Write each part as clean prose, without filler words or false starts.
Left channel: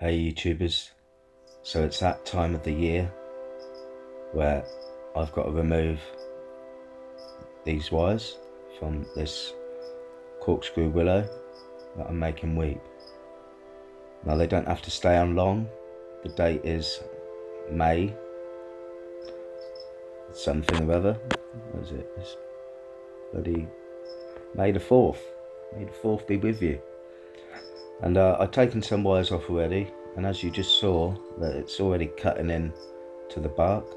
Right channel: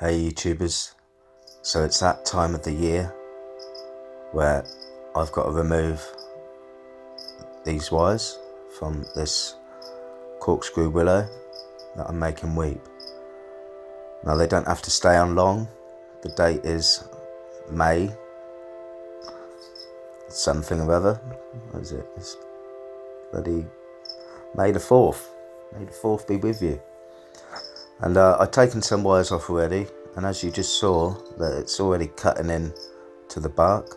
Hey YouTubers, so it's that time of the year where I've got to remove these wires from this corkscrew willow that I'm making weep. Now they don't have to stay on long. The date is May something or other. What is it? It's bloody May the 4th. May the 4th be with you. And I've taken some wires off already, and as you just saw, that it's already cutting in to the bark,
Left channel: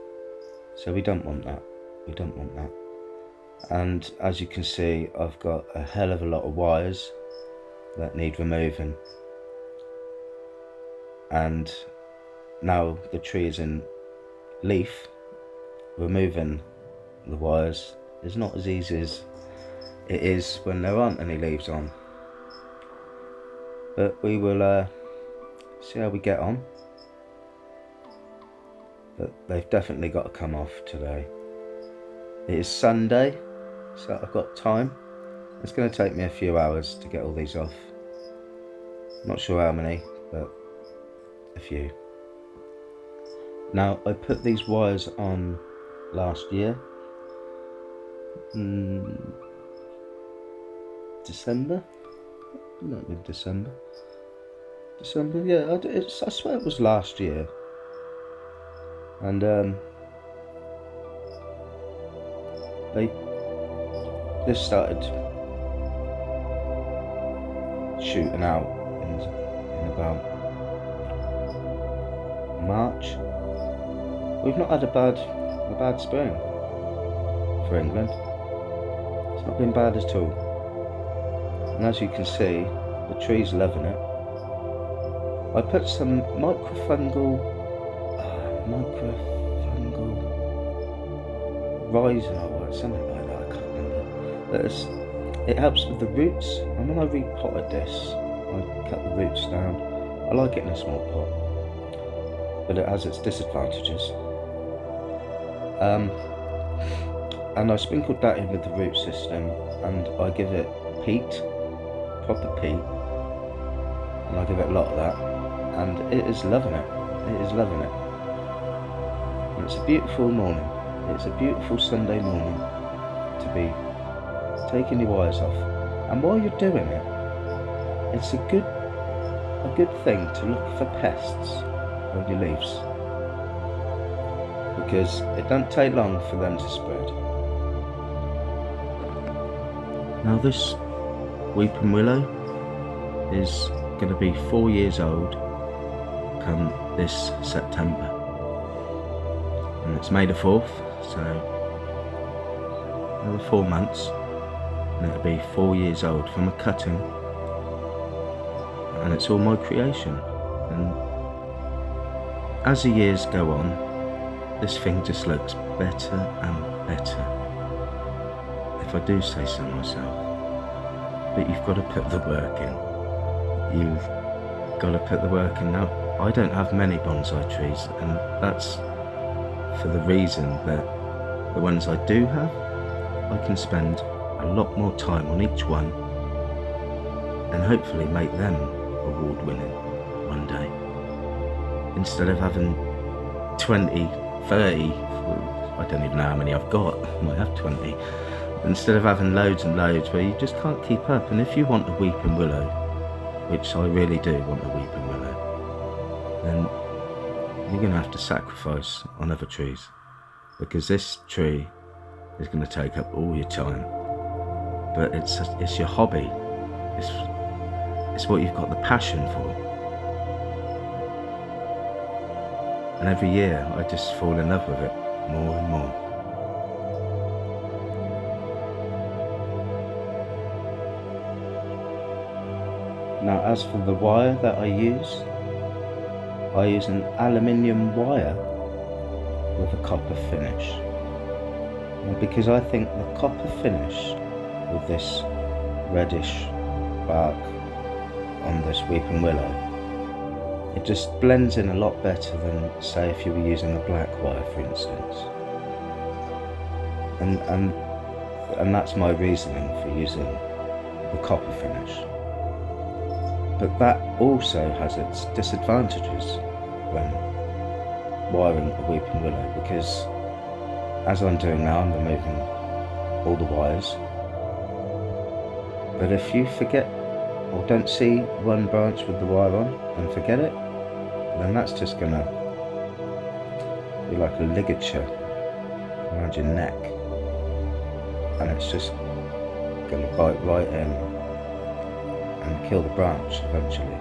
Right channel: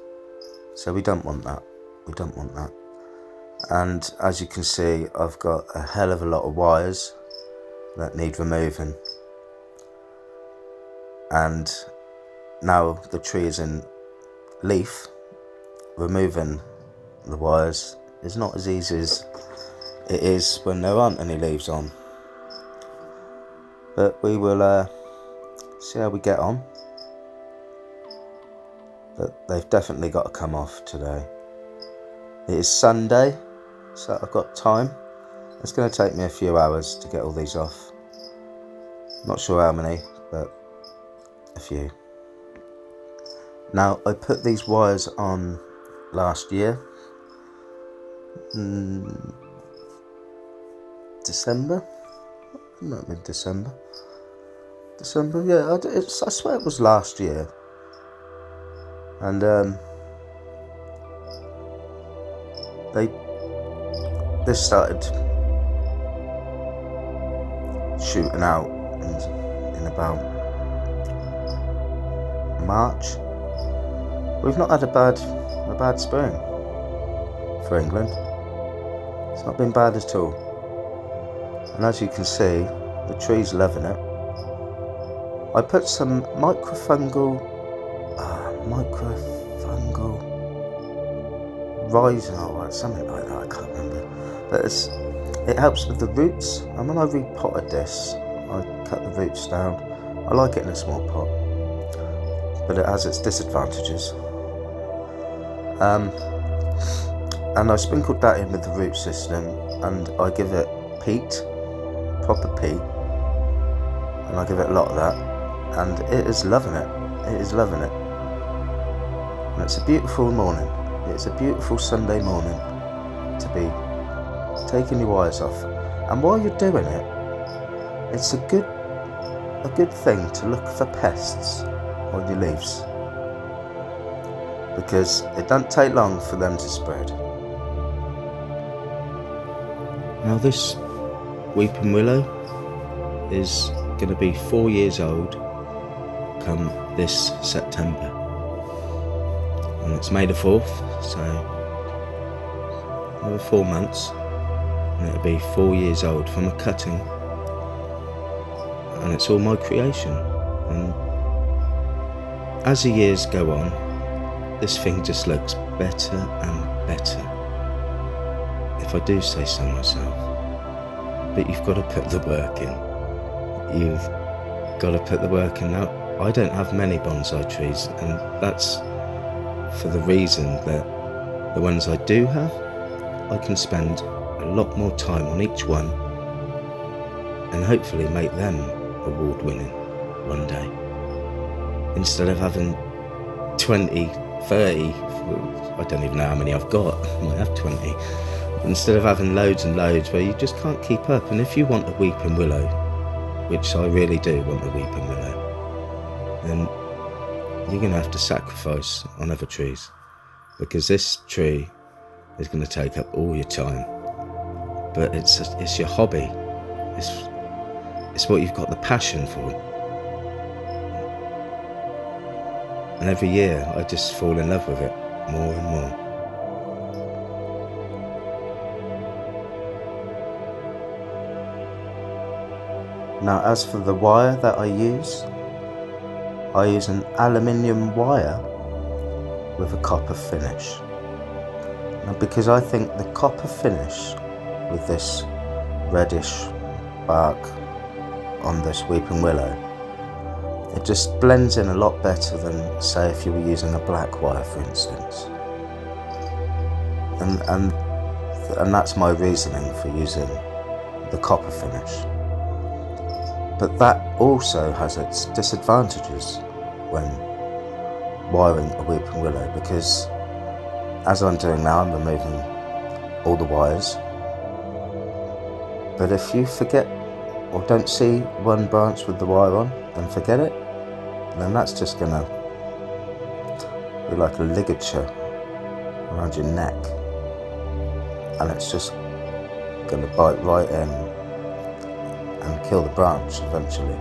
so we don't want that. We don't want that. And as you can see, I've got a hell of a lot of wires that need removing. And now the tree is in leaf, removing the wires is not as easy as it is when there aren't any leaves on. But we will see how we get on. But they've definitely got to come off today. It is Sunday, so I've got time. It's going to take me a few hours to get all these off. Not sure how many, but a few. Now, I put these wires on last year. December? Might have been December. Yeah, I swear it was last year. And this started shooting out in about March. We've not had a bad spring for England. It's not been bad at all. And as you can see, the tree's loving it. I put some microfungal risol or something like that, I can't remember. But it helps with the roots, and when I repotted this, I cut the roots down. I like it in a small pot, but it has its disadvantages. And I sprinkled that in with the root system, and I give it peat, proper peat, and I give it a lot of that, and it is loving it. It is loving it. And it's a beautiful morning. It's a beautiful Sunday morning to be taking your wires off. And while you're doing it, it's a good thing to look for pests on your leaves, because it doesn't take long for them to spread. Now this weeping willow is going to be 4 years old come this September, and it's May the 4th, so another 4 months and it'll be 4 years old from a cutting, and it's all my creation. And as the years go on, this thing just looks better and better, if I do say so myself. But you've got to put the work in. You've got to put the work in. Now, I don't have many bonsai trees, and that's for the reason that the ones I do have, I can spend a lot more time on each one and hopefully make them award-winning one day, instead of having 20, 30, I don't even know how many I've got, I might have 20, instead of having loads and loads where you just can't keep up. And if you want a weeping willow, which I really do want a weeping willow, then you're going to have to sacrifice on other trees, because this tree is going to take up all your time. But it's your hobby. It's what you've got the passion for. And every year I just fall in love with it more and more. Now, as for the wire that I use an aluminium wire with a copper finish. Now, because I think the copper finish with this reddish bark on this weeping willow, it just blends in a lot better than, say, if you were using a black wire, for instance. And that's my reasoning for using the copper finish. But that also has its disadvantages when wiring a weeping willow, because as I'm doing now, I'm removing all the wires. But if you forget or don't see one branch with the wire on and forget it, then that's just gonna be like a ligature around your neck, and it's just gonna bite right in and kill the branch eventually,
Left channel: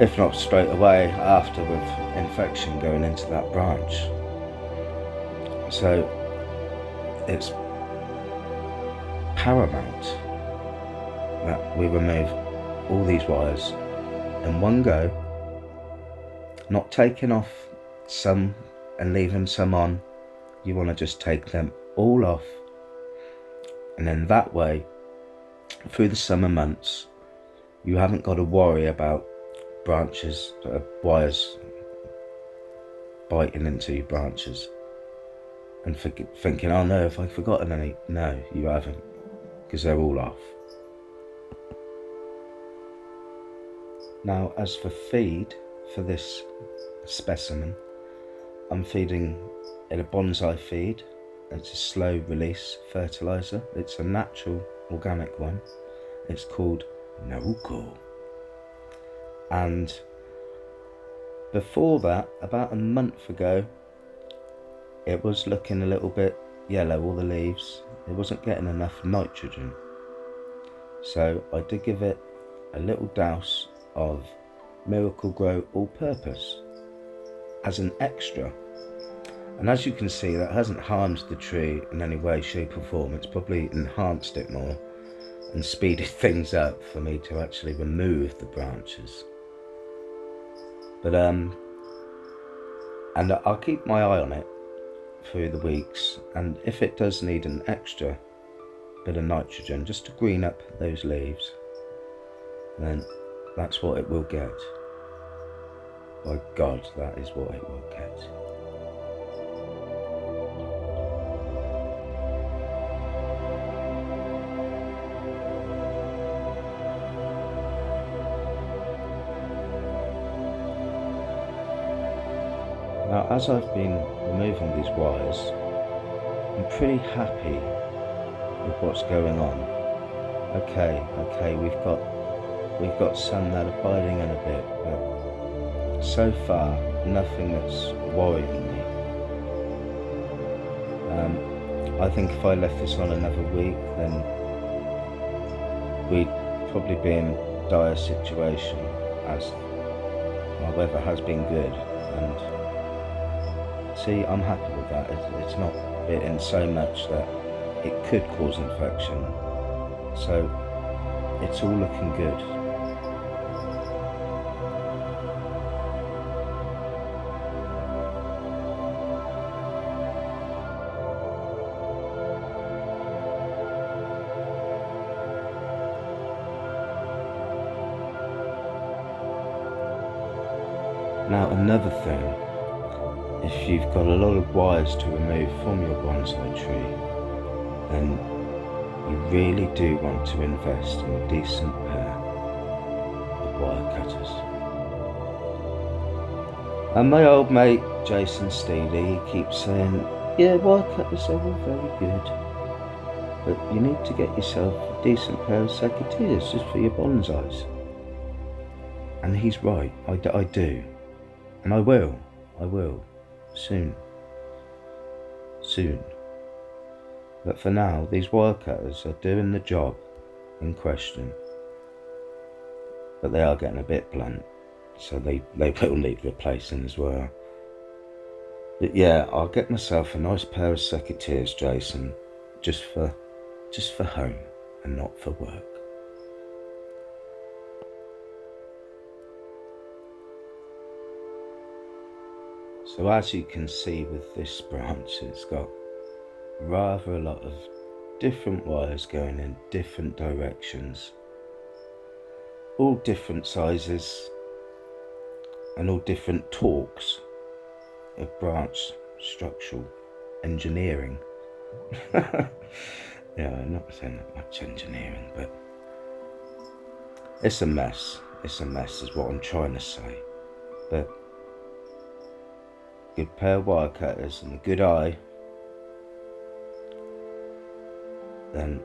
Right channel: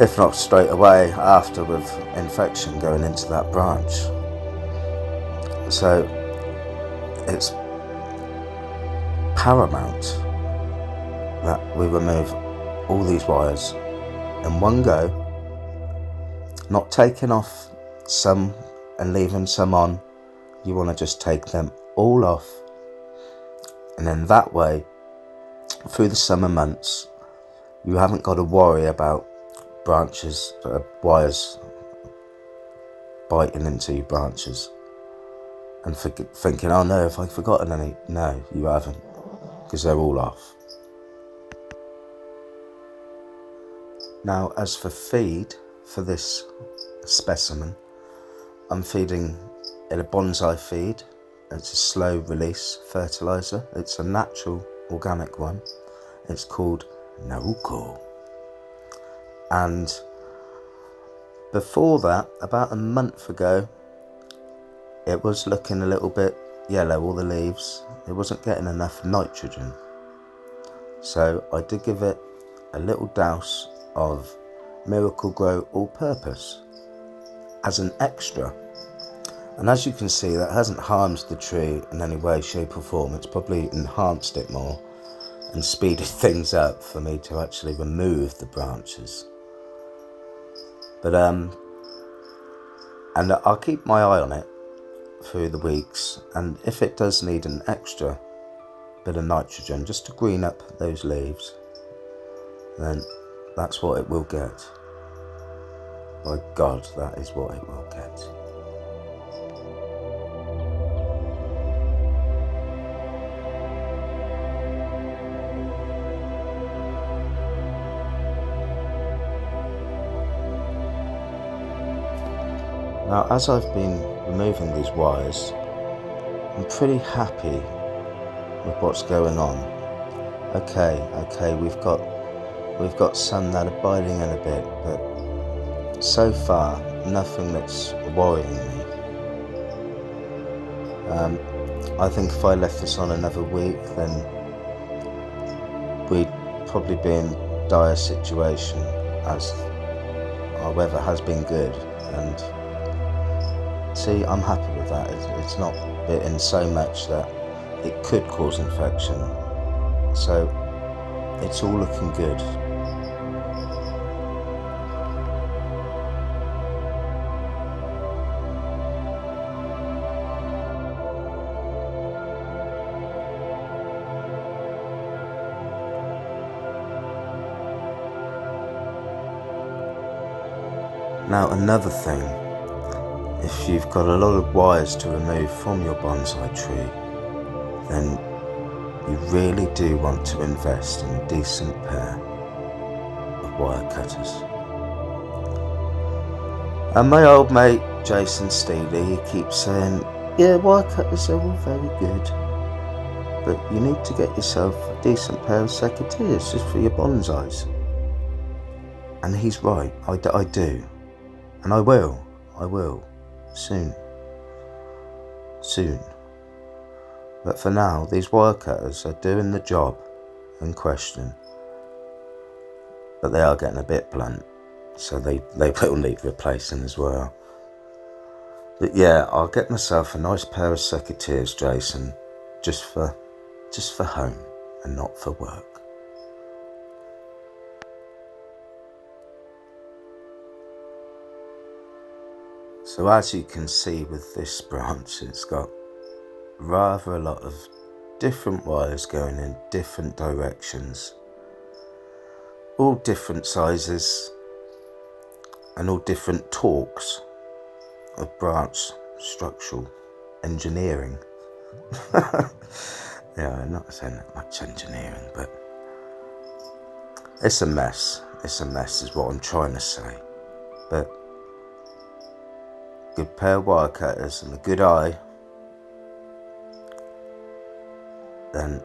if not straight away after, with infection going into that branch. So it's paramount that we remove all these wires in one go, not taking off some and leaving some on. You want to just take them all off, and then that way through the summer months you haven't got to worry about wires biting into your branches and thinking, oh no, have I forgotten any? No, you haven't, because they're all off. Now, as for feed for this specimen, I'm feeding it a Bonsai Feed. It's a slow release fertilizer. It's a natural organic one. It's called Naruko. And before that, about a month ago, it was looking a little bit yellow, all the leaves. It wasn't getting enough nitrogen. So I did give it a little douse of Miracle Grow All-Purpose as an extra. And as you can see, that hasn't harmed the tree in any way, shape or form. It's probably enhanced it more and speeded things up for me to actually remove the branches. But and I'll keep my eye on it through the weeks, and if it does need an extra bit of nitrogen just to green up those leaves, then that's what it will get. By God, that is what it will get. Now, as I've been removing these wires, I'm pretty happy with what's going on. Okay, we've got some that are biting in a bit, but so far nothing that's worrying me. I think if I left this on another week, then we'd probably be in dire situation, as our weather has been good. And see, I'm happy with that. It's not bitten so much that it could cause infection, so it's all looking good. Now, another thing, if you've got a lot of wires to remove from your bonsai tree, then you really do want to invest in a decent pair of wire cutters. And my old mate Jason Steely, he keeps saying, yeah, wire cutters are all very good, but you need to get yourself a decent pair of secateurs just for your bonsais. And he's right, I do. And I will, soon. But for now, these wire cutters are doing the job in question, but they are getting a bit blunt, so they will need replacing as well. But yeah, I'll get myself a nice pair of secateurs, Jason, just for home and not for work. So as you can see with this branch, it's got rather a lot of different wires going in different directions, all different sizes and all different torques of branch structural engineering. Yeah, I'm not saying that much engineering, but It's a mess. It's a mess is what I'm trying to say. But good pair of wire cutters and a good eye, then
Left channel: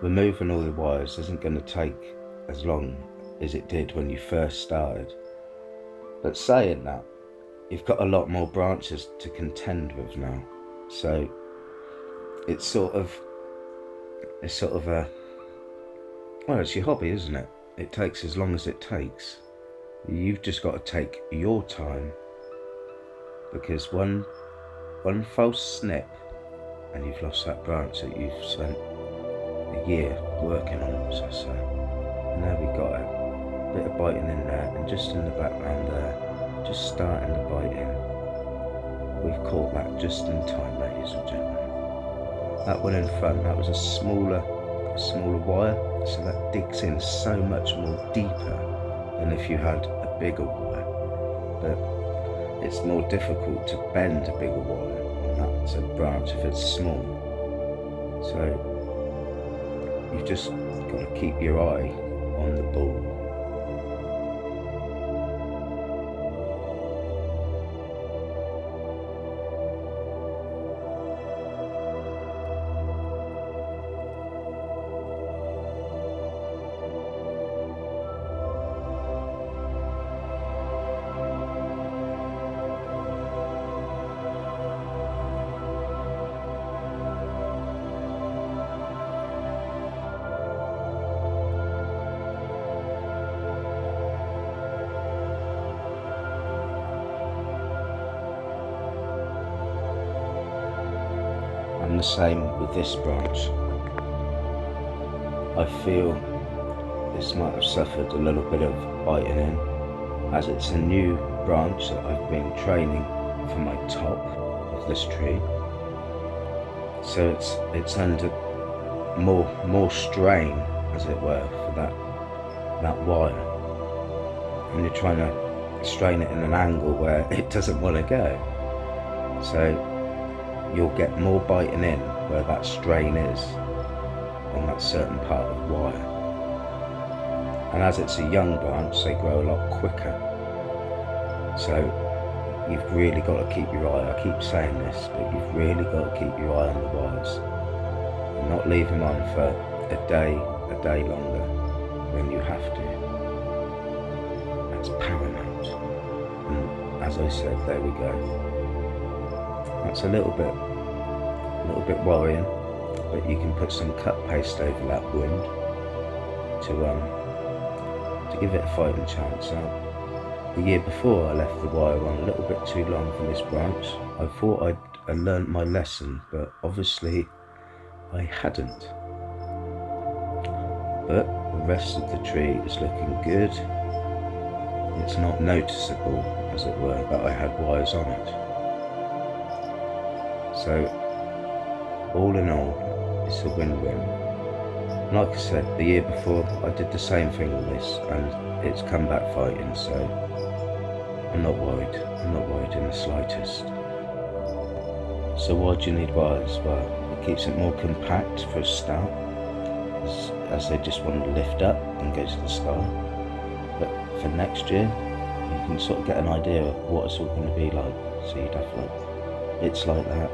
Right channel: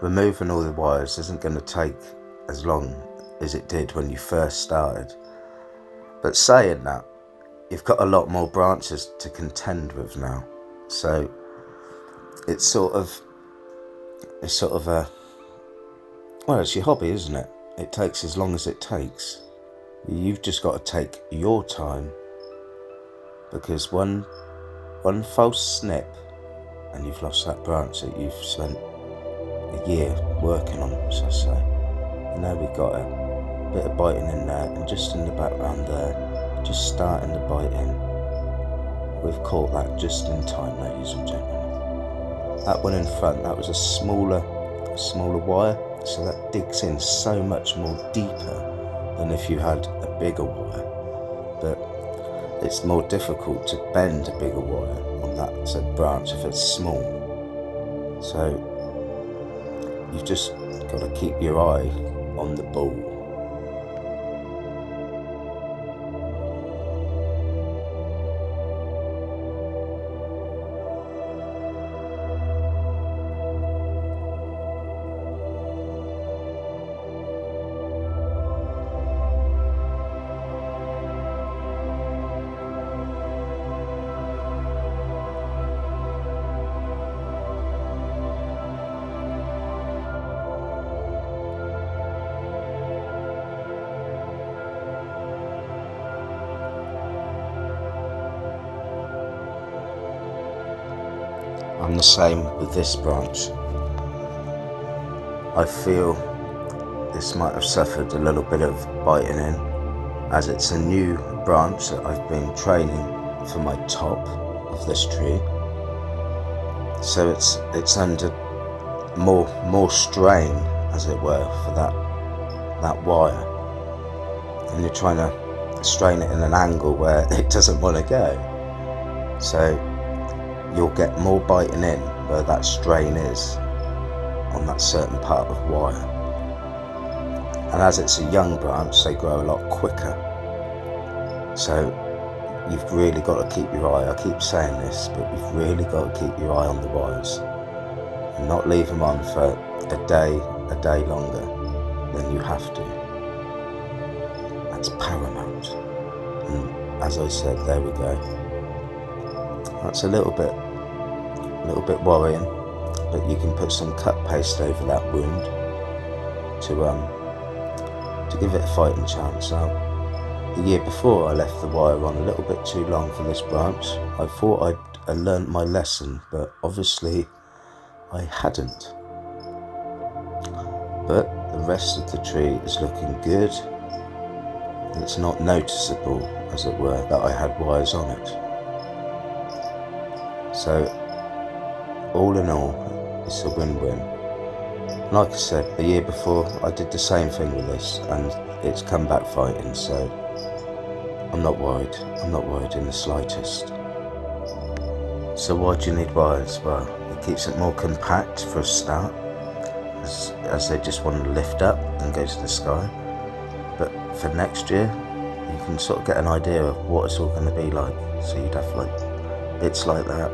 removing all the wires isn't going to take as long as it did when you first started. But saying that, you've got a lot more branches to contend with now. So it's sort of a, well, it's your hobby, isn't it? It takes as long as it takes. You've just got to take your time, because one false snip and you've lost that branch that you've spent a year working on, so I say. And there we got it. A bit of biting in there, and just in the background there, just starting to bite in. We've caught that just in time, ladies and gentlemen. That one in front, that was a smaller wire, so that digs in so much more deeper than if you had a bigger wire. But it's more difficult to bend a bigger wire on that said branch if it's small. So you've just got to keep your eye on the ball. I'm the same with this branch. I feel this might have suffered a little bit of biting in, as it's a new branch that I've been training for my top of this tree. So it's under more strain, as it were, for that wire. And you're trying to strain it in an angle where it doesn't want to go. So you'll get more biting in where that strain is on that certain part of wire. And as it's a young branch, they grow a lot quicker. So you've really got to keep your eye, I keep saying this, but you've really got to keep your eye on the wires and not leave them on for a day longer than you have to. That's paramount. And as I said, there we go. That's a little bit worrying, but you can put some cut paste over that wound to give it a fighting chance. Now, the year before I left the wire on a little bit too long for this branch. I thought I'd learnt my lesson, but obviously I hadn't. But the rest of the tree is looking good. It's not noticeable, as it were, that I had wires on it. So all in all, it's a win-win. Like I said, the year before I did the same thing with this and it's come back fighting, so I'm not worried. I'm not worried in the slightest. So why do you need wires? Well, it keeps it more compact for a start, as they just want to lift up and go to the sky. But for next year, you can sort of get an idea of what it's all going to be like. So you'd have like bits like that,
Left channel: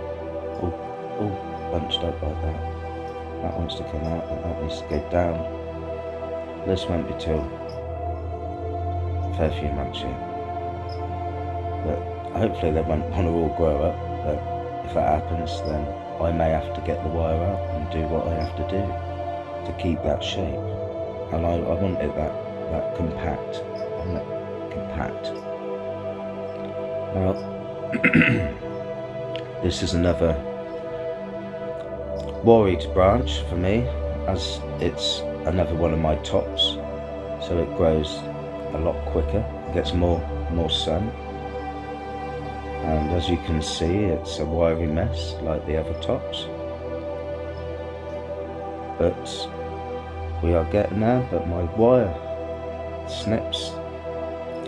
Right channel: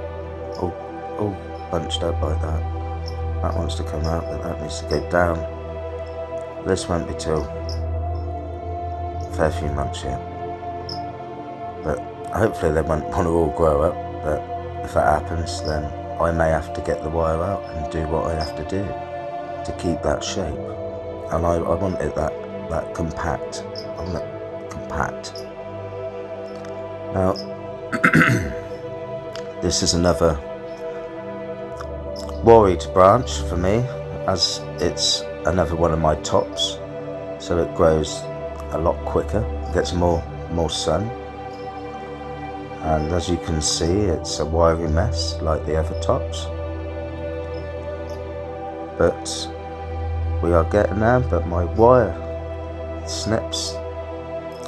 all bunched up like that. That wants to come out, but that needs to go down. This won't be till a fair few months yet. But hopefully they won't want to all grow up, but if that happens, then I may have to get the wire out and do what I have to do to keep that shape. And I want it that compact. I want it compact. Now, this is another worried branch for me, as it's another one of my tops, so it grows a lot quicker, gets more sun, and as you can see, it's a wiry mess like the other tops, but we are getting there. But my wire snips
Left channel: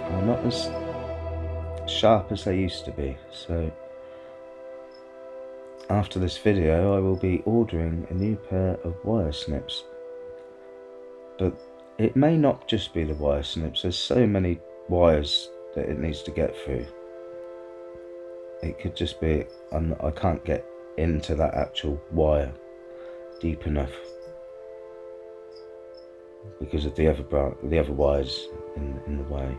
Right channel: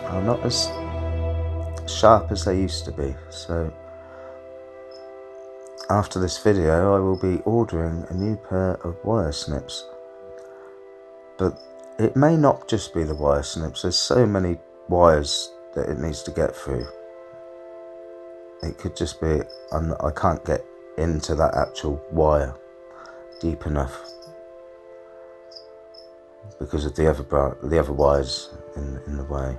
are not as sharp as they used to be, so after this video I will be ordering a new pair of wire snips. But it may not just be the wire snips. There's so many wires that it needs to get through. It could just be I can't get into that actual wire deep enough because of the other wires in the way.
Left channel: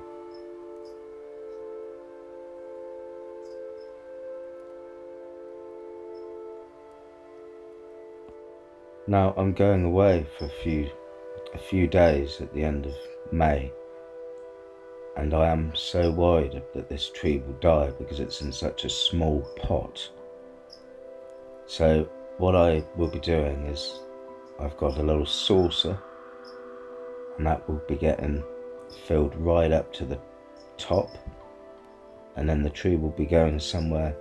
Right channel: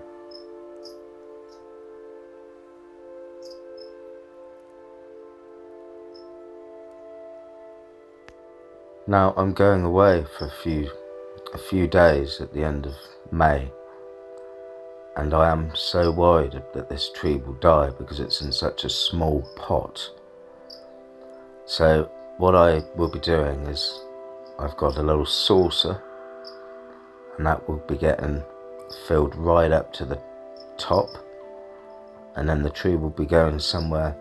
Now I'm going away for a few days at the end of May, and I am so worried that this tree will die because it's in such a small pot. So what I will be doing is I've got a little saucer, and that will be getting filled right up to the top, and then the tree will be going somewhere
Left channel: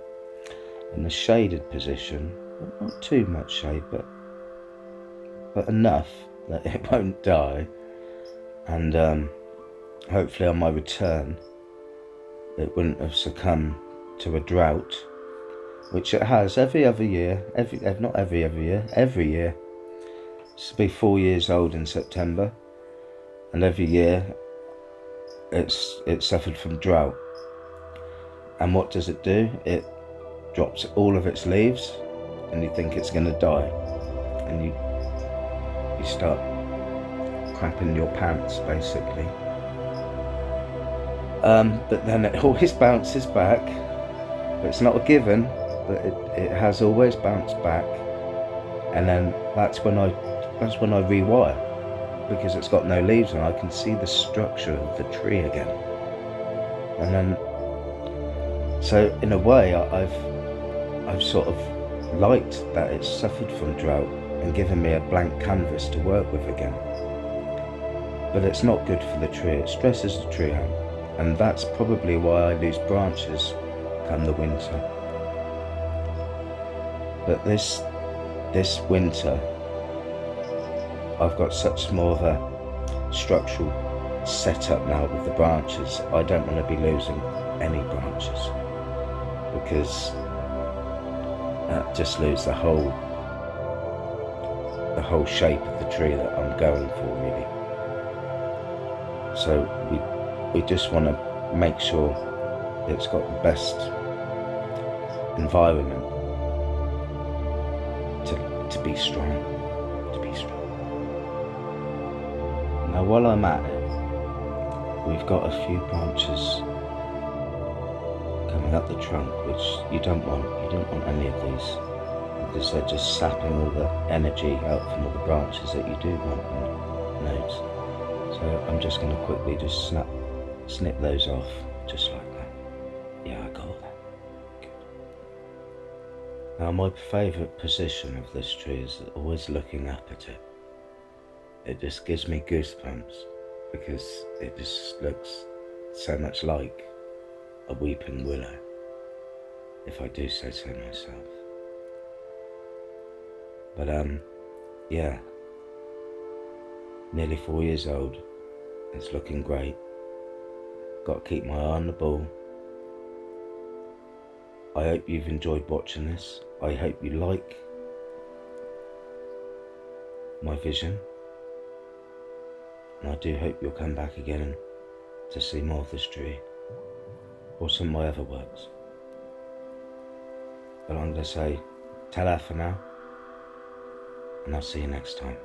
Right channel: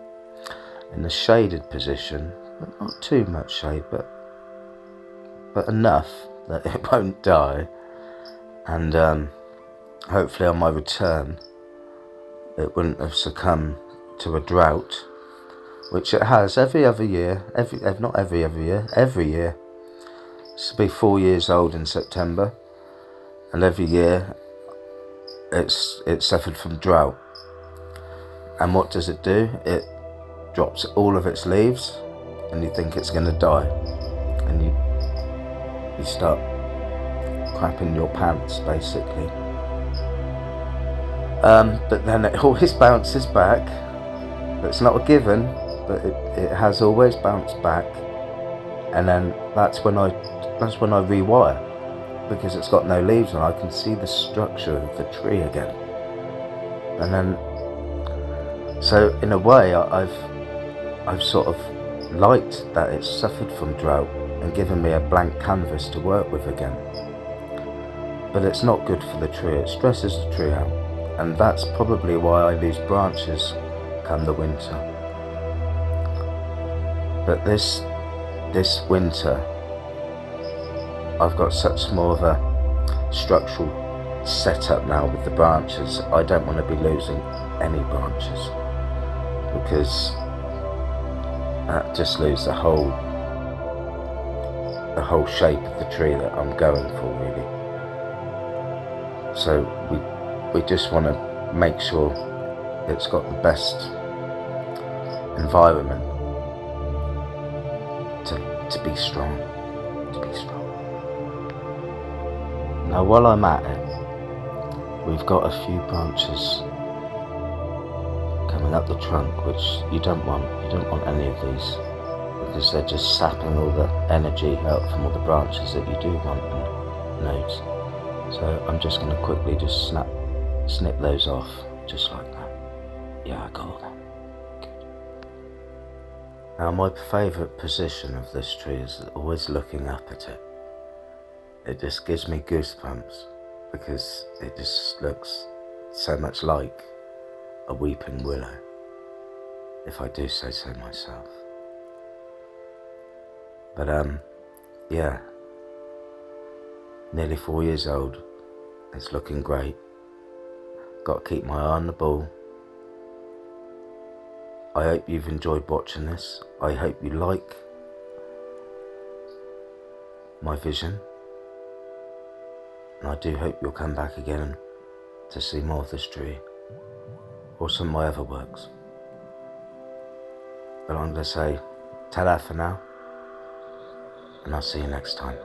in a shaded position, but not too much shade, but enough that it won't die. And hopefully on my return it wouldn't have succumbed to a drought, which it has every year. Every year. This will be 4 years old in September, and every year it's suffered from drought. And what does it do? It drops all of its leaves, and you think it's going to die, and you start crapping your pants, basically. But then it always bounces back. It's not a given, but it has always bounced back. And then that's when I rewire, because it's got no leaves and I can see the structure of the tree again. And then, so in a way, I've sort of liked that it's suffered from drought and given me a blank canvas to work with again. But it's not good for the tree. It stresses the tree out, and that's probably why I lose branches come the winter. But this winter I've got such more of a structural setup now with the branches. I don't want to be losing any branches, because that just loses the whole shape of the tree that I'm going for, really. So we just want to make sure it's got the best environment to be strong. Now while I'm at it, we've got a few branches coming up the trunk which you don't want any of these, because they're just sapping all the energy out from all the branches that you do want in nodes. So I'm just going to quickly just snip those off, just like that. Yeah, I got all that. Good. Now my favourite position of this tree is always looking up at it. It just gives me goosebumps, because it just looks so much like a weeping willow, if I do say so myself. But yeah, nearly 4 years old. It's looking great. Got to keep my eye on the ball. I hope you've enjoyed watching this. I hope you like my vision, and I do hope you'll come back again to see more of this tree, or some of my other works. But I'm going to say ta-da for now, and I'll see you next time.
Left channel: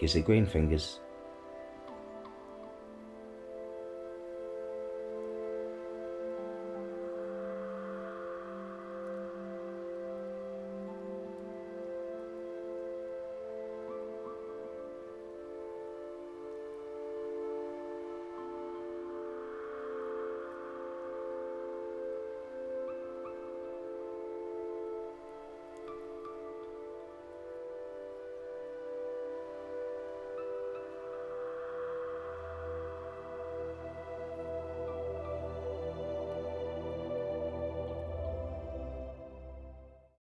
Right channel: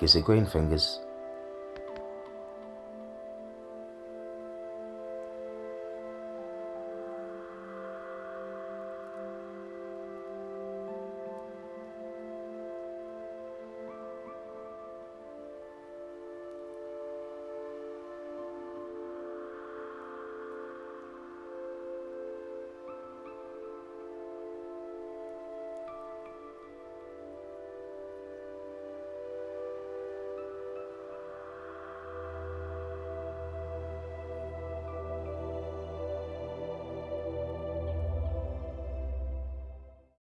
Gizzy green fingers.